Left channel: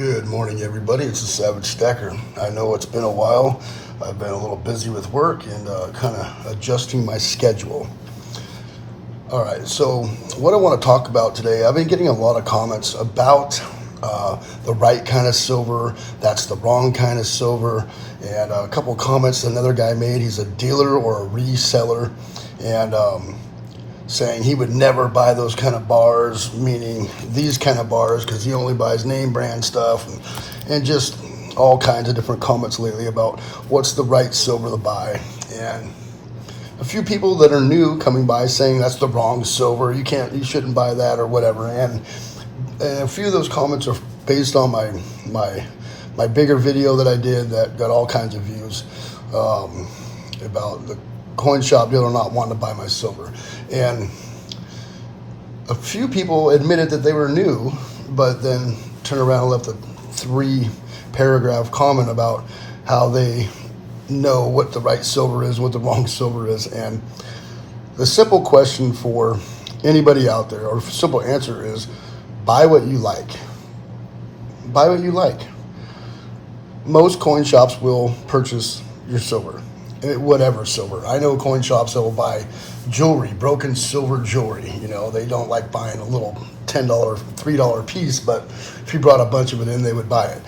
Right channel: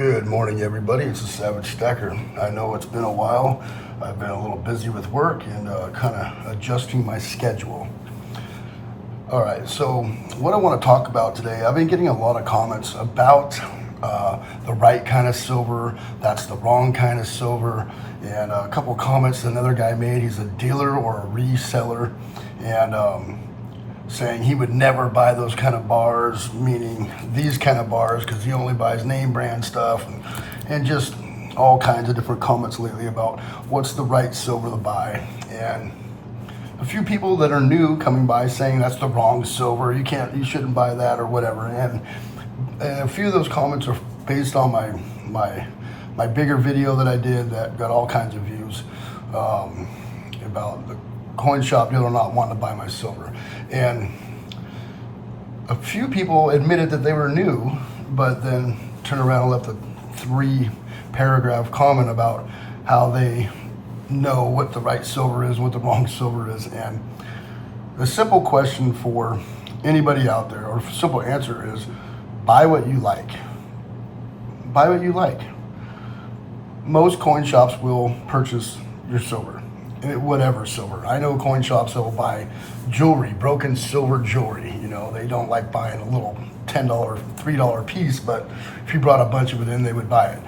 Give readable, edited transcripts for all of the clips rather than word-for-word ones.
Good morning, everybody. It's the Savage Stacker. I know it's been a while. I've been a little busy with work and kind of adjusting my schedule. All right, so what I want to talk about today, I've been getting a lot of comments about the right kind of silver, that's the wrong kind of silver, and a couple comments another guy made. He's a dealer or a reseller, and saying he would never buy those kind of bars, meaning these kind of bars, because he only buys name brand stuff, and just all kinds of different comments lately about what's the right silver to buy. And a few people that are new coming by saying that's the wrong silver, you shouldn't buy that or whatever. And a few of those comments are based on my bigger video that I did that got all kinds of views about the coin shop dealer not wanting to buy my silver. And a few people admitted that they were new, but then turned around and left a 3-paragraph comment about how they know what the right silver is, what the wrong silver is. And the simple question for anybody out there, or simple answer, is buy what you like. Buy what you like. Most coin shops will purchase your silver. Whatever silver. I know coin shops that will buy jewelry, broken silver jewelry. You know, they don't like buying a little $10, $3 piece, but if you brought a bunch of it in, they would buy it.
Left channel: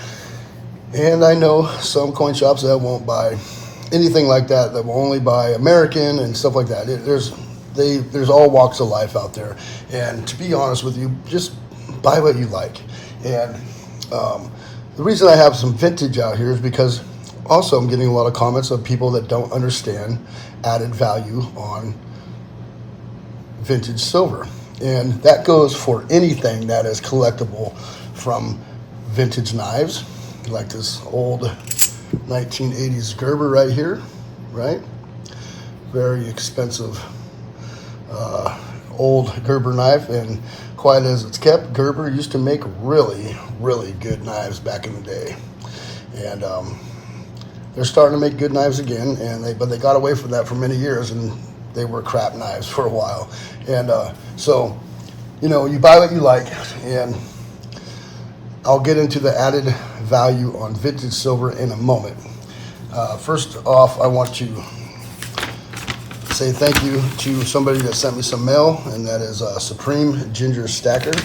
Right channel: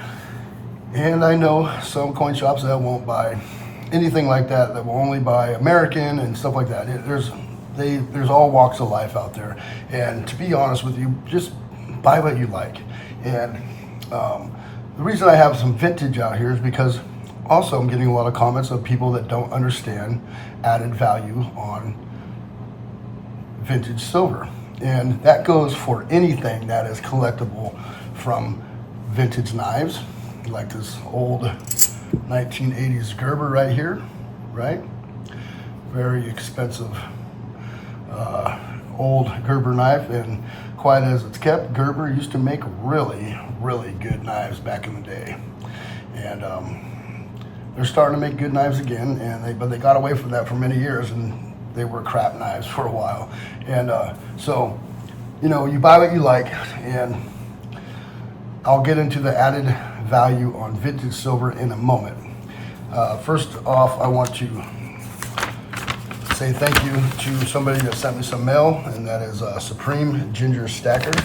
And I know some coin shops that won't buy anything like that, that will only buy American and stuff like that. There's all walks of life out there. And to be honest with you, just buy what you like. And the reason I have some vintage out here is because also I'm getting a lot of comments of people that don't understand added value on vintage silver. And that goes for anything that is collectible, from vintage knives, like this old 1980s Gerber right here, right? Very expensive old Gerber knife, and quiet as it's kept, Gerber used to make really, really good knives back in the day. And they're starting to make good knives again, but they got away from that for many years, and they were crap knives for a while. And so, you know, you buy what you like, and I'll get into the added value on vintage silver in a moment. First off, I want to say thank you to somebody that sent me some mail, and that is Supreme Ginger Stacker.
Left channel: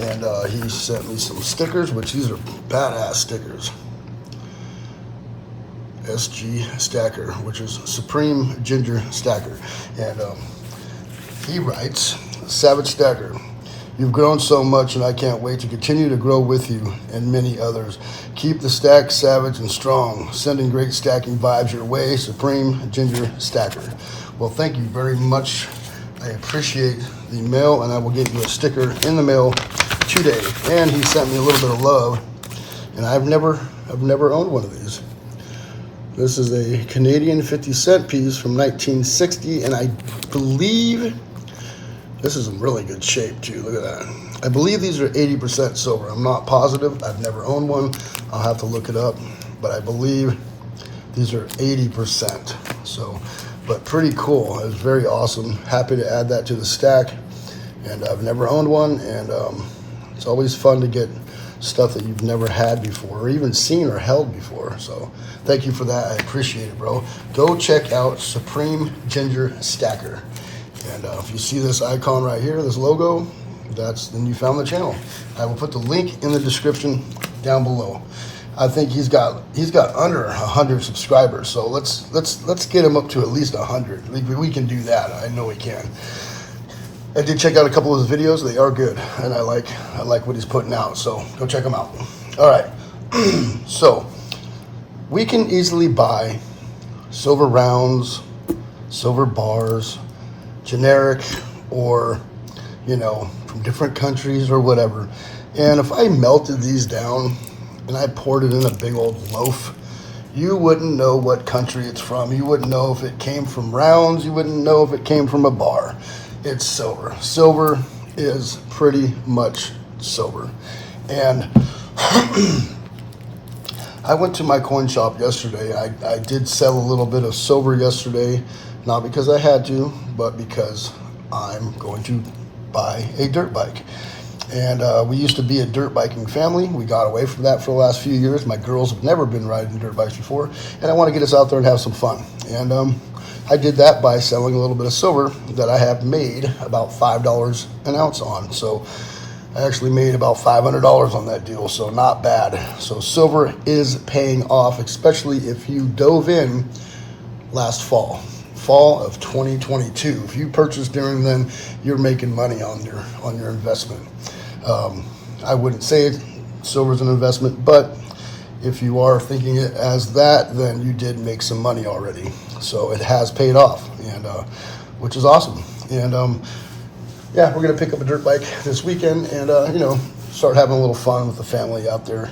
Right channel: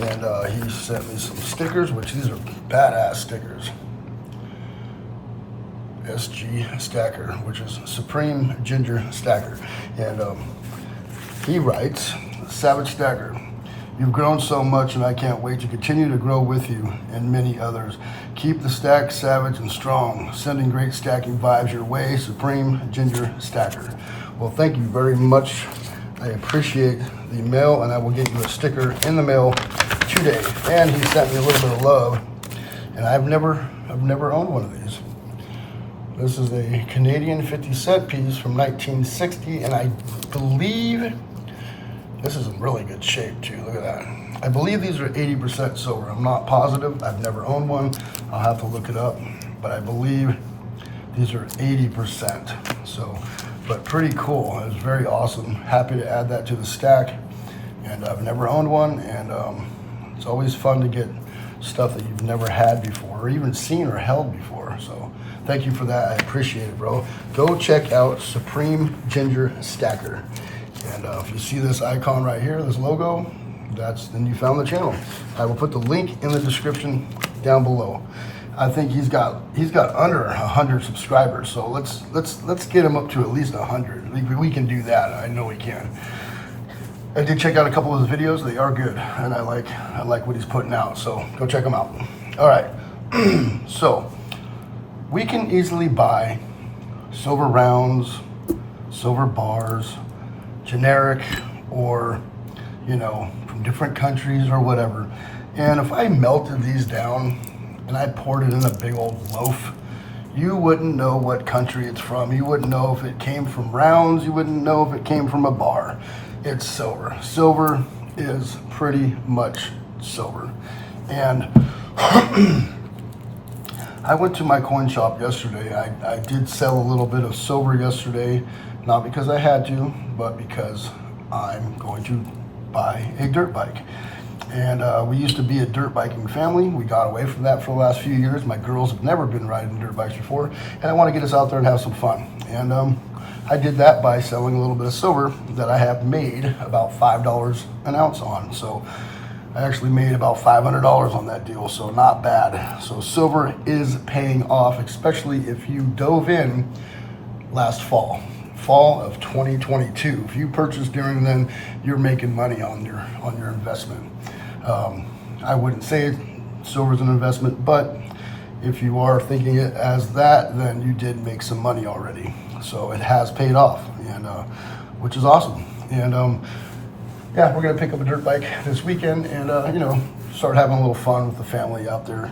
And he sent me some stickers, which these are badass stickers. SG Stacker, which is Supreme Ginger Stacker. And he writes, Savage Stacker, you've grown so much, and I can't wait to continue to grow with you and many others. Keep the stack savage and strong. Sending great stacking vibes your way, Supreme Ginger Stacker. Well, thank you very much. I appreciate the mail, and I will get you a sticker in the mail today. And he sent me a little bit of love, and I've never owned one of these. This is a Canadian 50-cent piece from 1960, and I believe this is in really good shape too. Look at that. I believe these are 80% silver. I'm not positive. I've never owned one. I'll have to look it up, but I believe these are 80%. So, but pretty cool. It was very awesome. Happy to add that to the stack, and I've never owned one, and it's always fun to get stuff that you've never had before, or even seen or held before. So thank you for that. I appreciate it, bro. Go check out Supreme Ginger Stacker. And if you see this icon right here, this logo, then you found the channel. I will put the link in the description down below. I think he's got under 100 subscribers, so let's get him up to at least 100. We can do that. I know we can. I did check out a couple of his videos. They are good, and I like what he's putting out, so go check them out. All right, so we can easily buy silver rounds, silver bars, generic, or, you know, from different countries or whatever. And if I melted these down and I poured it in a big old loaf, you wouldn't know what country it's from. You wouldn't know if it came from rounds. You wouldn't know if it came from a bar. It's silver. Silver is pretty much silver. And I went to my coin shop yesterday. I did sell a little bit of silver yesterday, not because I had to, but because I'm going to buy a dirt bike. And we used to be a dirt biking family. We got away from that for the last few years. My girls have never been riding dirt bikes before, and I want to get us out there and have some fun. And I did that by selling a little bit of silver that I have made about $5 an ounce on. So I actually made about $500 on that deal, so not bad. So silver is paying off, especially if you dove in last fall of 2022. If you purchased during then, you're making money on your investment. I wouldn't say silver's an investment, but if you are thinking it as that, then you did make some money already. So it has paid off, and which is awesome. And yeah, we're gonna pick up a dirt bike this weekend, and start having a little fun with the family out there.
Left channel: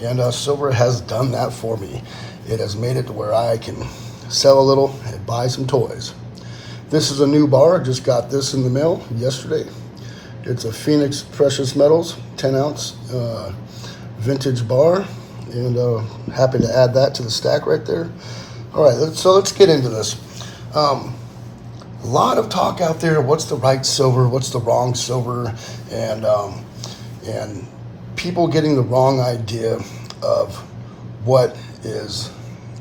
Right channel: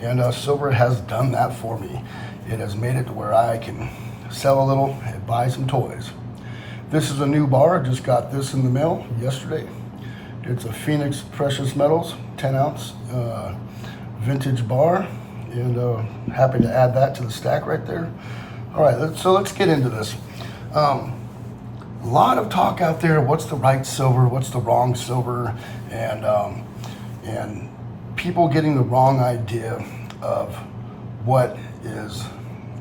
And silver has done that for me. It has made it to where I can sell a little and buy some toys. This is a new bar. I just got this in the mail yesterday. It's a Phoenix Precious Metals 10-ounce vintage bar, and happy to add that to the stack right there. All right, so let's get into this. A lot of talk out there. What's the right silver? What's the wrong silver? And people getting the wrong idea of what is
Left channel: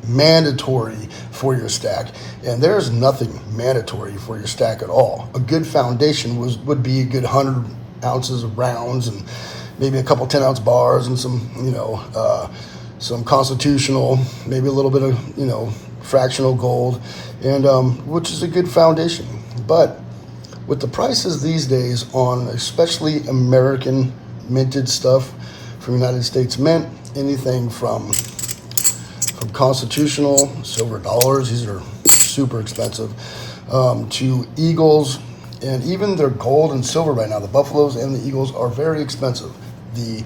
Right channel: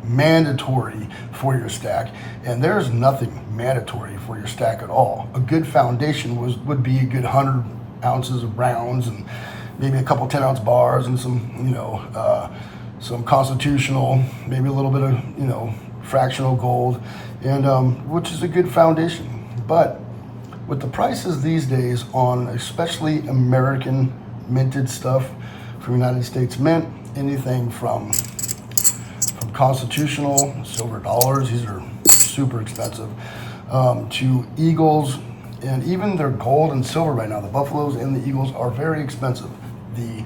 mandatory for your stack. And there's nothing mandatory for your stack at all. A good foundation would be a good 100 ounces of rounds, and maybe a couple 10-ounce bars, and some constitutional, maybe a little bit of fractional gold, and which is a good foundation. But with the prices these days on especially American minted stuff from United States Mint, anything from constitutional silver dollars, these are super expensive, to eagles, and even their gold and silver right now, the buffaloes and the eagles are very expensive. The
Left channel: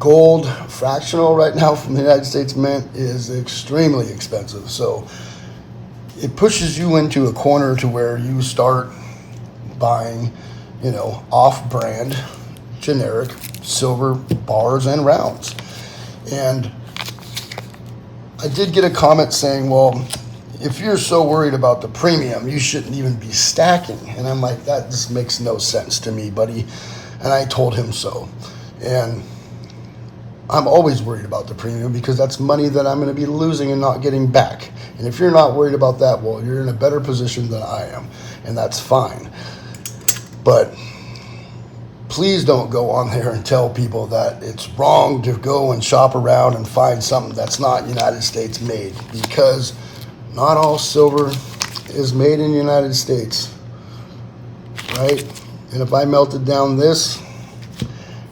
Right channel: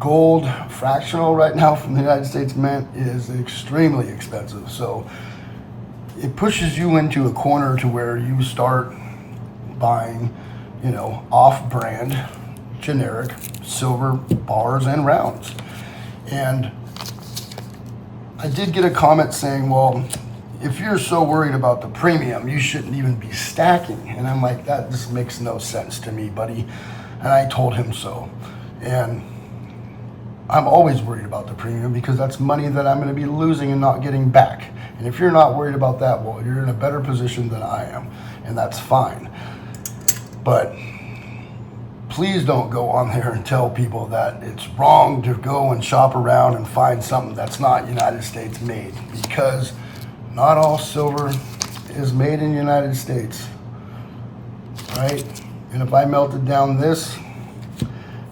gold fractional right now from the United States Mint is extremely expensive. So it pushes you into a corner to where you start buying, off-brand, generic silver bars and rounds. And I did get a comment saying, well, if you're so worried about the premium, you shouldn't even be stacking. And I'm like, that just makes no sense to me, buddy. And I told him so. And I'm always worried about the premium because that's money that I'm going to be losing and not getting back. And if you're not worried about that, well, you're in a better position than I am, and that's fine. But please don't go on there and tell people that it's wrong to go and shop around and find something that's not United States made, because not all silver is made in the United States, right? And if I melted down this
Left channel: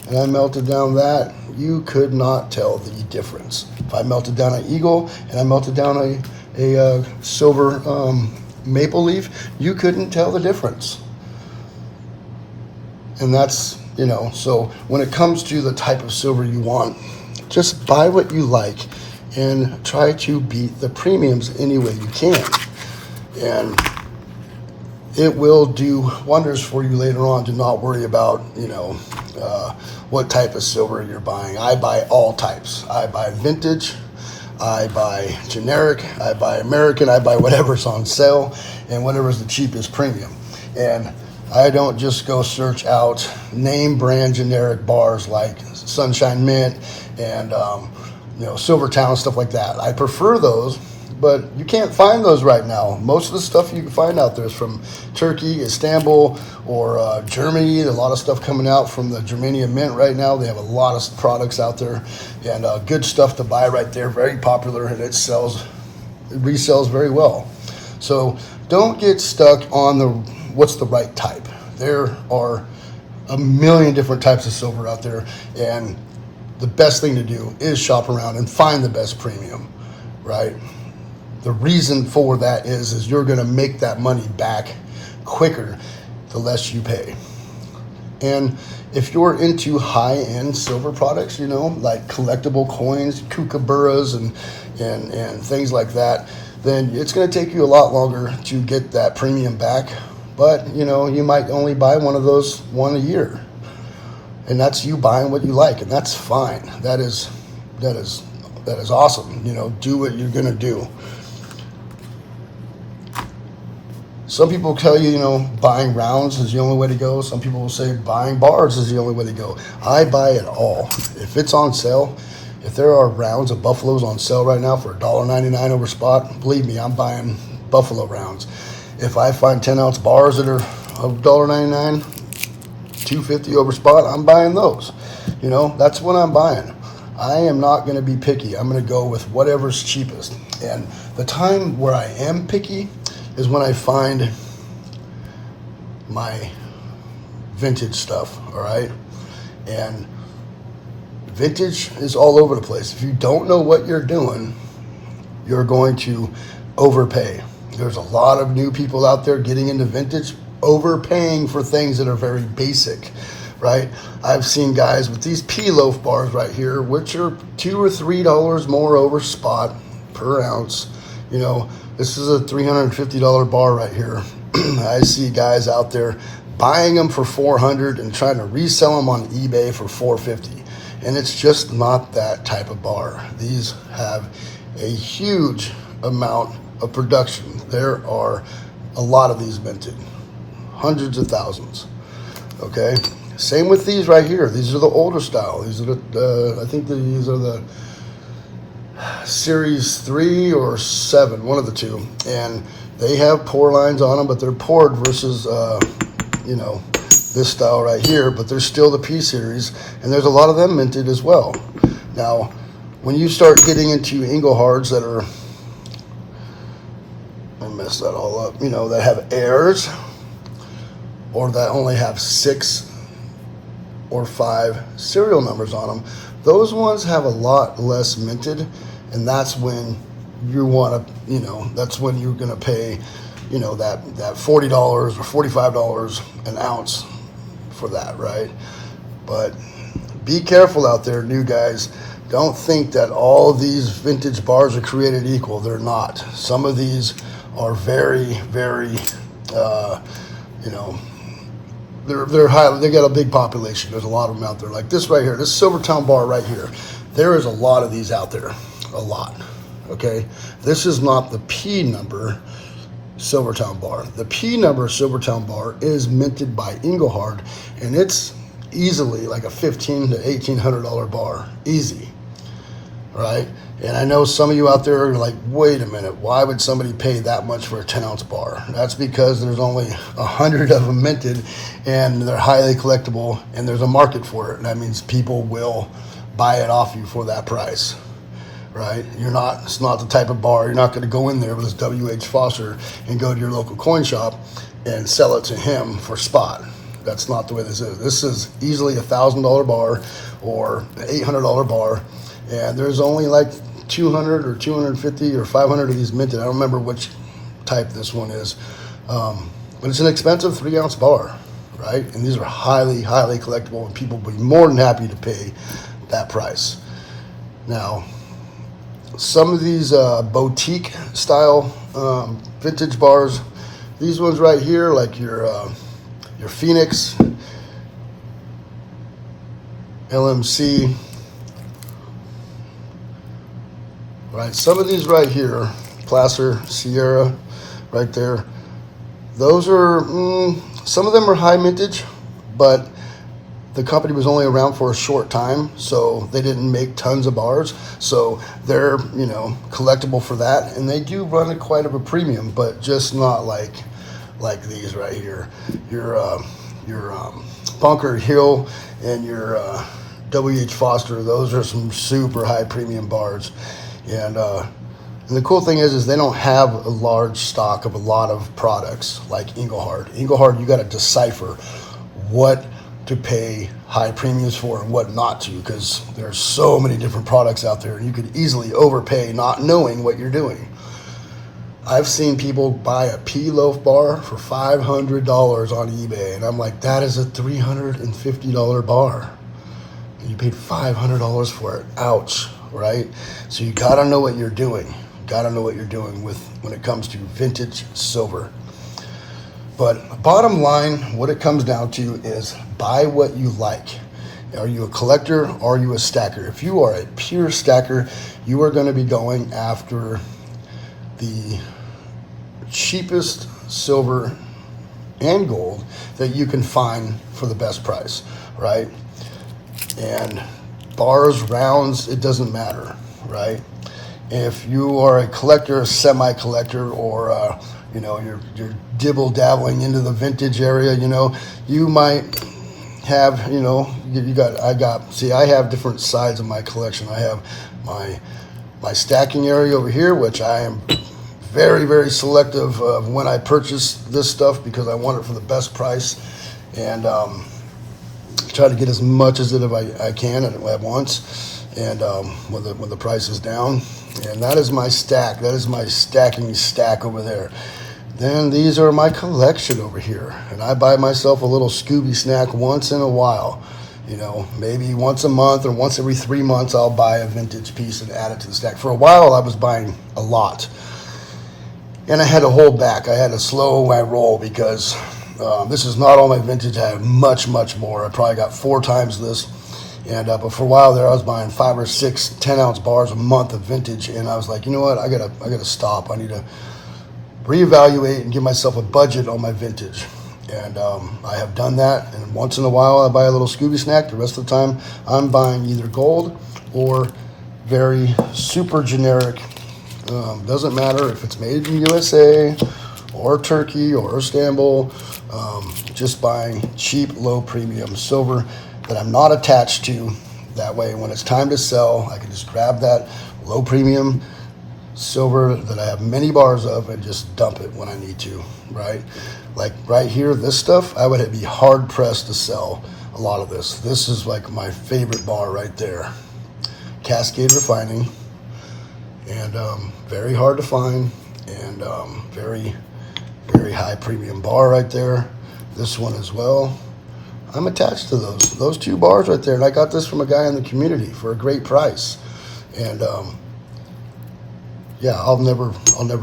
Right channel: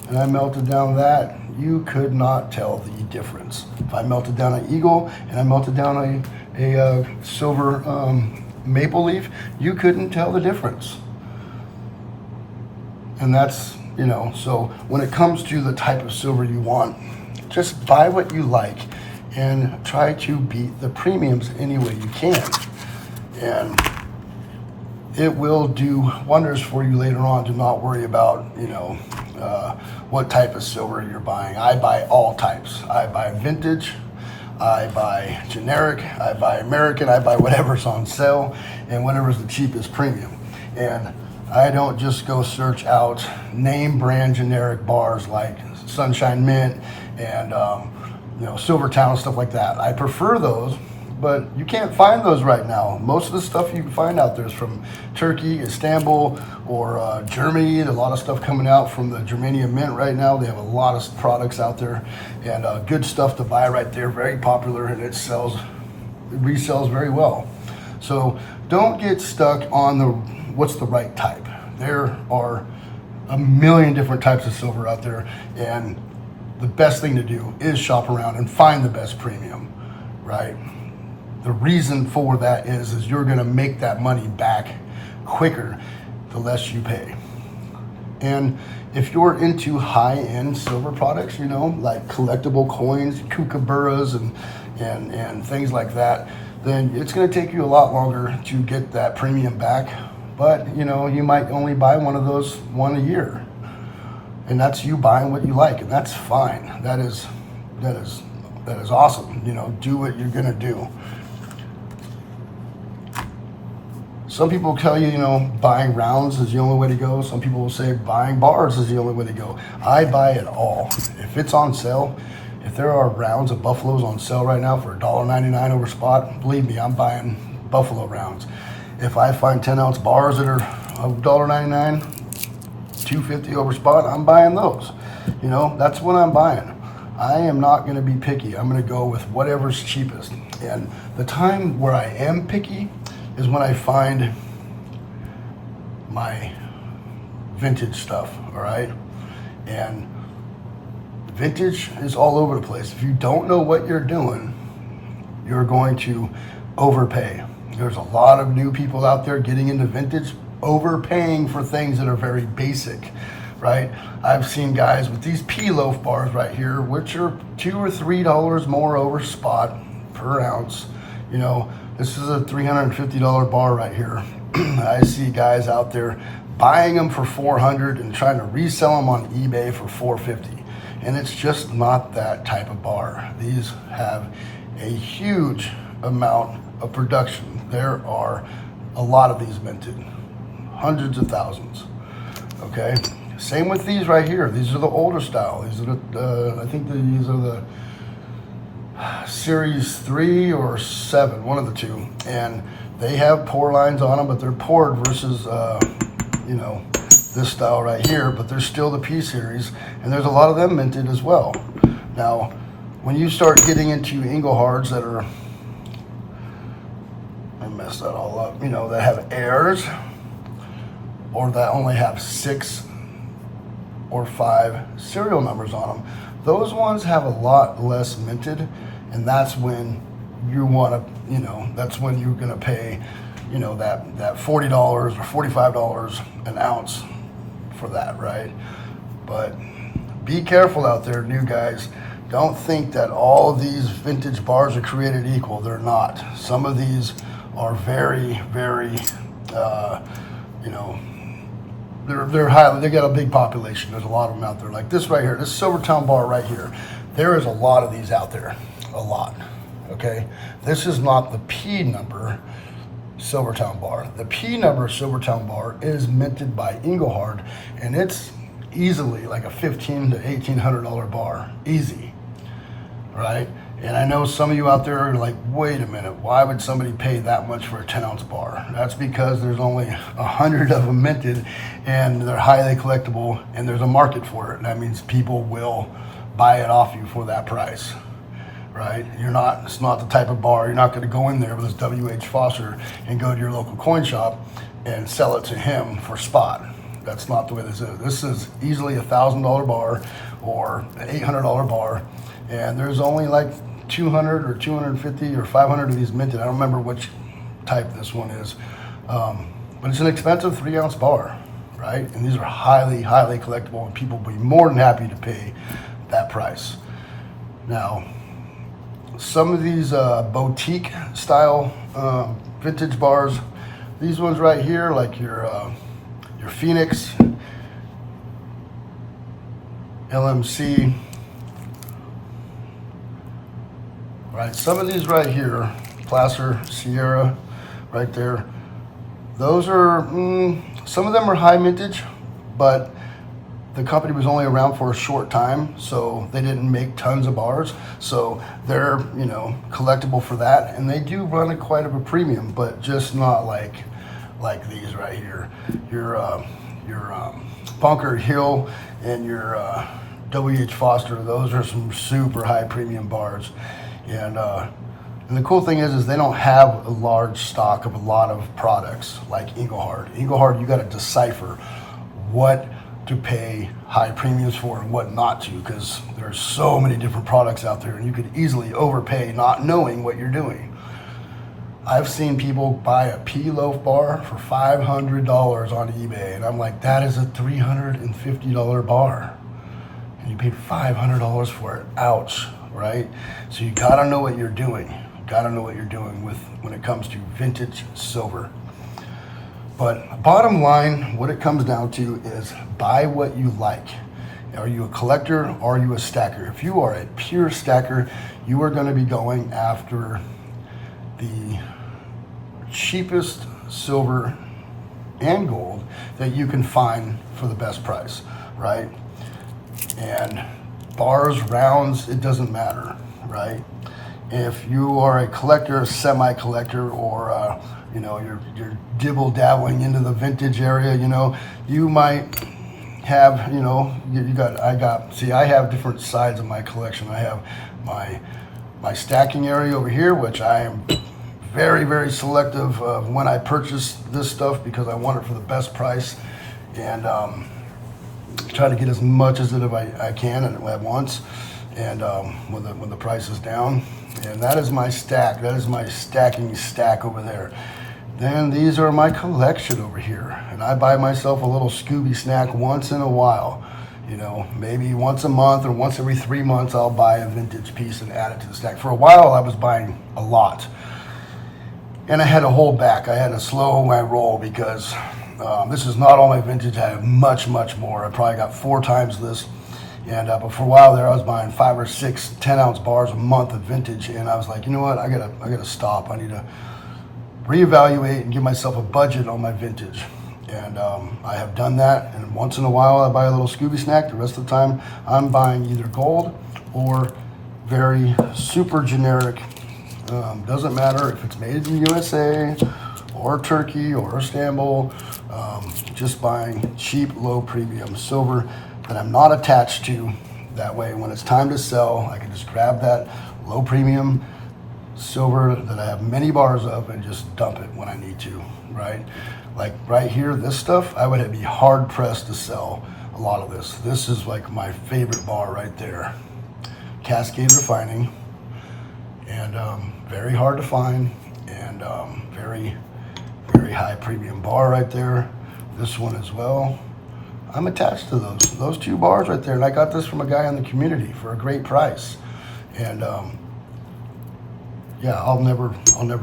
and I melted down that, you could not tell the difference. If I melted down an eagle and I melted down a silver maple leaf, you couldn't tell the difference. And that's, so when it comes to the type of silver you want, just buy what you like and try to beat the premiums any way you can. And it will do wonders for you later on to not worry about, what type of silver you're buying. I buy all types. I buy vintage, I buy generic, I buy American, I buy whatever's on sale and whatever's the cheapest premium. And I don't just go search out name brand generic bars like Sunshine Mint and Silvertown, stuff like that. I prefer those, but you can't find those right now. Most of the stuff you can find out there is from Turkey, Istanbul, or Germany. A lot of stuff coming out from the Germanium Mint right now. They have a lot of products out there, and good stuff to buy right there. Very popular, and it resells very well. So don't get stuck on what's the right type. There are a million different types of silver out there, and the best thing to do is shop around and find the best premium, right? The reason for that is you're going to make that money back quicker the less you pay. And if you're into high-end silver products, like collectible coins, kookaburras, and things like that, then it's going to take you a lot longer to get that premium back. But you might only buy one of those one a year, and that's you buying what you like, and that's fine. That is awesome. Do what you're going to do. Some people tell you, buying rounds is the only way to go. Some people will say buying bars is the only way to go. I buy it all. If it's on sale, if there are rounds of Buffaloes on sale right now for $1.99 over spot, believe me, I'm buying Buffalo rounds. If I find 10-ounce bars that are $1.99, $2.50 over spot, I'm buying those. That's what I'm buying. I am not going to be picky. I'm going to go with whatever's cheapest. And the time where I am picky is when I find my vintage stuff, all right? And vintage is all over the place. If you don't know what you're doing, you're going to overpay. There's a lot of new people out there getting into vintage, overpaying for things that are very basic, right? I've seen guys with these P-loaf bars right here, which are $2 or $3 more over spot per ounce. This is a $350 bar right here. I see guys out there buying them for $400 and trying to resell them on eBay for $450. And it's just not that type of bar. These have a huge amount of production. There are a lot of these minted, hundreds of thousands. Okay, same with these right here. These are the older style. These are I think these are the Series 3 or 7, one of the two. And they have pour lines on them, but they're poured versus, this style right here, but they're still the P series, and there's a lot of them minted as well. Now, when you start getting into Inglehards that are, I messed that all up, that have adheres, or that only have 6 or 5 serial numbers on them, those ones have a lot less minted, and that's when you want to, that's when you're going to pay, that $40 or $45 an ounce for that, right? But be careful out there, new guys. Don't think that all of these vintage bars are created equal. They're not. Some of these are very, very, they're high. They got a big population. There's a lot of them out there. Like this right here, this Silvertown bar right here. There is a lot of these out there. A lot. Okay, this is not the P number Silvertown bar. The P number Silvertown bar is minted by Engelhard, and it's easily like a $1,500 to $1,800 bar, easy, right? And I know some of you out there are like, wait a minute, why would somebody pay that much for a 10-ounce bar? That's because there's only 100 of them minted, and they're highly collectible, and there's a market for it. And that means people will buy it off you for that price. Right? It's not the type of bar, you're not going to go in there with this W.H. Foster and go to your local coin shop and sell it to him for spot. That's not the way this is. This is easily $1,000 bar or an $800 bar, and there's only like 200 or 250 or 500 of these minted. I don't remember which type this one is, but it's an expensive 3-ounce bar, right? And these are highly, highly collectible, and people will be more than happy to pay that price. Now, some of these boutique style vintage bars, these ones right here, like your Phoenix, LMC, right? Some of these right here, Placer, Sierra, right there. Those are some of them are high mintage, but the company was only around for a short time, so they didn't make tons of bars. So they're, collectible for that, and they do run at quite of a premium, but just not like these right here. Your Bunker Hill and your W.H. Foster. Those are some super high premium bars, and the cool thing is they don't have a large stock of a lot of products like Engelhard. Engelhard, you got to decipher what to pay high premiums for and what not to, because there's so many different products out there and you could easily overpay not knowing what you're doing. I've seen people buy a P-loaf bar for $500 on eBay, and I'm like, that is a $350 bar. And you paid $500 for it. Ouch, right? So you gotta know what you're doing. You gotta know what you're doing when it comes to vintage silver. But bottom line, what it comes down to is buy what you like. Are you a collector or are you a stacker? If you are a pure stacker, you are going to be going after the cheapest silver and gold that you can find for the best price, right? And bars, rounds, it doesn't matter, right? If you are a collector, a semi-collector, or you know, you're dibble-dabbling into the vintage area, you know, you might have, you know, I have different sides of my collection. I have my stacking area over here, which I am very, very selective of when I purchase this stuff because I want it for the best price, and try to get as much as it I can at once, and when the price is down. And that is my stack. That is my stacking stack over there. Then these are my collection over here, and I buy myself a little Scooby snack once in a while. You know, maybe once a month or once every 3 months I'll buy a vintage piece and add it to the stack. For a while I was buying a lot, and I had to hold back. I had to slow my roll because this is not all my vintage. I have much, much more. I probably got 4 times this. And but for a while there, I was buying 5 or 6 10-ounce bars a month of vintage, and I was like, you know what? I gotta stop. I need to reevaluate and give myself a budget on my vintage. And I have done that. And once in a while, I buy a little Scooby snack. The rest of the time, I'm buying either gold or very super generic. Doesn't matter if it's made in the USA or Turkey or Istanbul. Just buying cheap, low premium silver that I'm not attached to. That way, when it's time to sell, I can just grab that low premium silver that I have many bars of and just dump it when I need to, right? Like right here, this stuff, I would be hard pressed to sell a lot of this. This is like my favorite bar right there. Cascade Refining, and very hard to find, and very, very high premium bar right there. This one as well. I'm attached to those 2 bars right there, and I got this from a guy in the community for a great price. And yeah, I'll never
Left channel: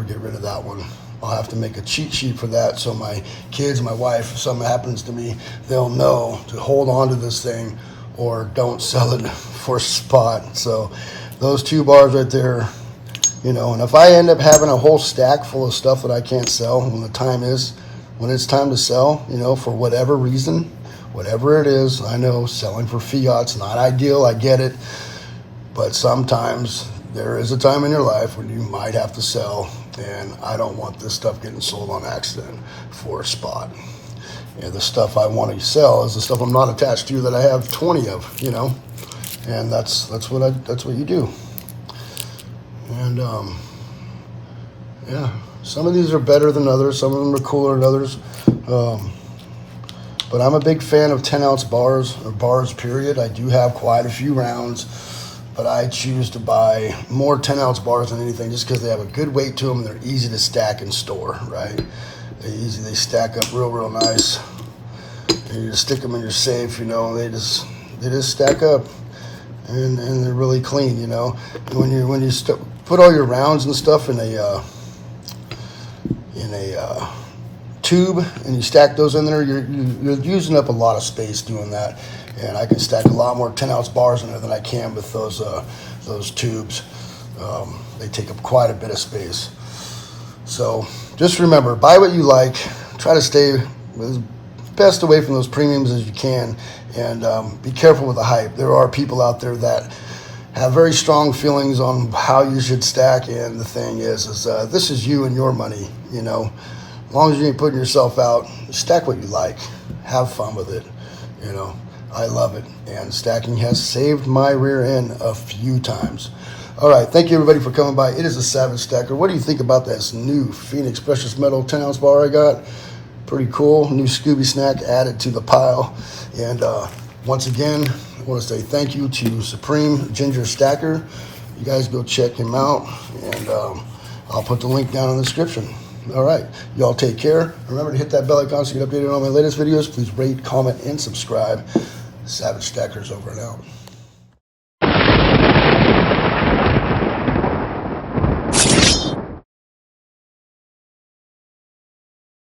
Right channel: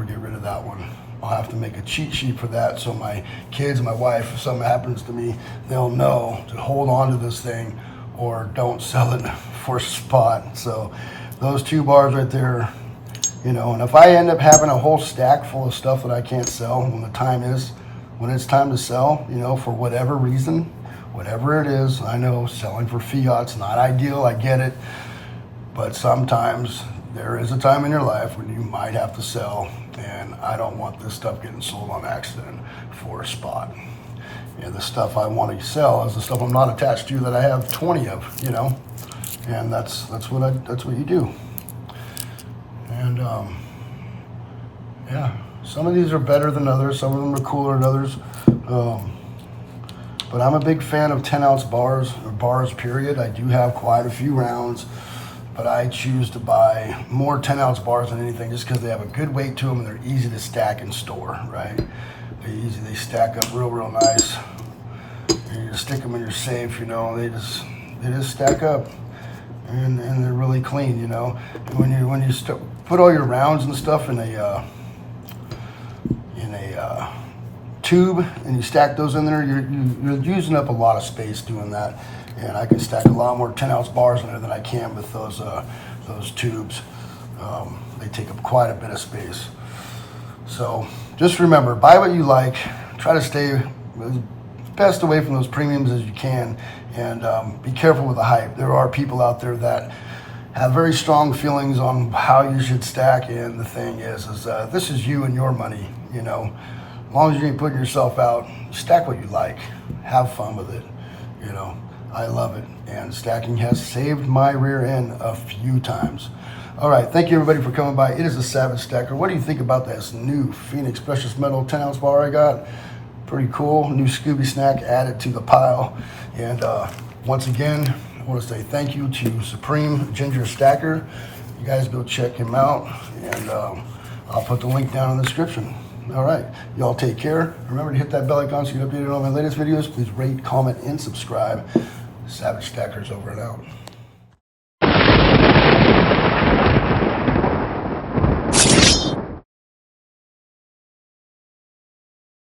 get rid of that one. I'll have to make a cheat sheet for that, so my kids, my wife, if something happens to me, they'll know to hold on to this thing or don't sell it for spot. So those 2 bars right there, you know. And if I end up having a whole stack full of stuff that I can't sell when it's time to sell, you know, for whatever reason, whatever it is, I know selling for fiat's not ideal, I get it, but sometimes there is a time in your life when you might have to sell, and I don't want this stuff getting sold on accident for a spot. And the stuff I want to sell is the stuff I'm not attached to that I have 20 of, you know, and that's what you do. And yeah, some of these are better than others, some of them are cooler than others. But I'm a big fan of 10-ounce bars, or bars period. I do have quite a few rounds, but I choose to buy more 10-ounce bars than anything just because they have a good weight to them and they're easy to stack and store, right? They stack up real nice. And you just stick them in your safe, you know, they just stack up, and they're really clean, you know. When you put all your rounds and stuff in a tube and you stack those in there, you're using up a lot of space doing that. And I can stack a lot more 10-ounce bars in there than I can with those tubes. They take up quite a bit of space. So just remember, buy what you like. Try to stay as best away from those premiums as you can, and be careful with the hype. There are people out there that have very strong feelings on how you should stack, and the thing is this is you and your money, you know. As long as you ain't putting yourself out, stack what you like. Have fun with it, you know. I love it, and stacking has saved my rear end a few times. All right, thank you everybody for coming by. It is a Savage Stacker. What do you think about this new Phoenix Precious Metal 10-ounce bar I got? Pretty cool. New Scooby snack added to the pile. And once again, I want to say thank you to Supreme Ginger Stacker. You guys go check him out, and I'll put the link down in the description. All right, y'all take care. Remember to hit that bell icon so you get updated on my latest videos. Please rate, comment, and subscribe. Savage Stackers over and out.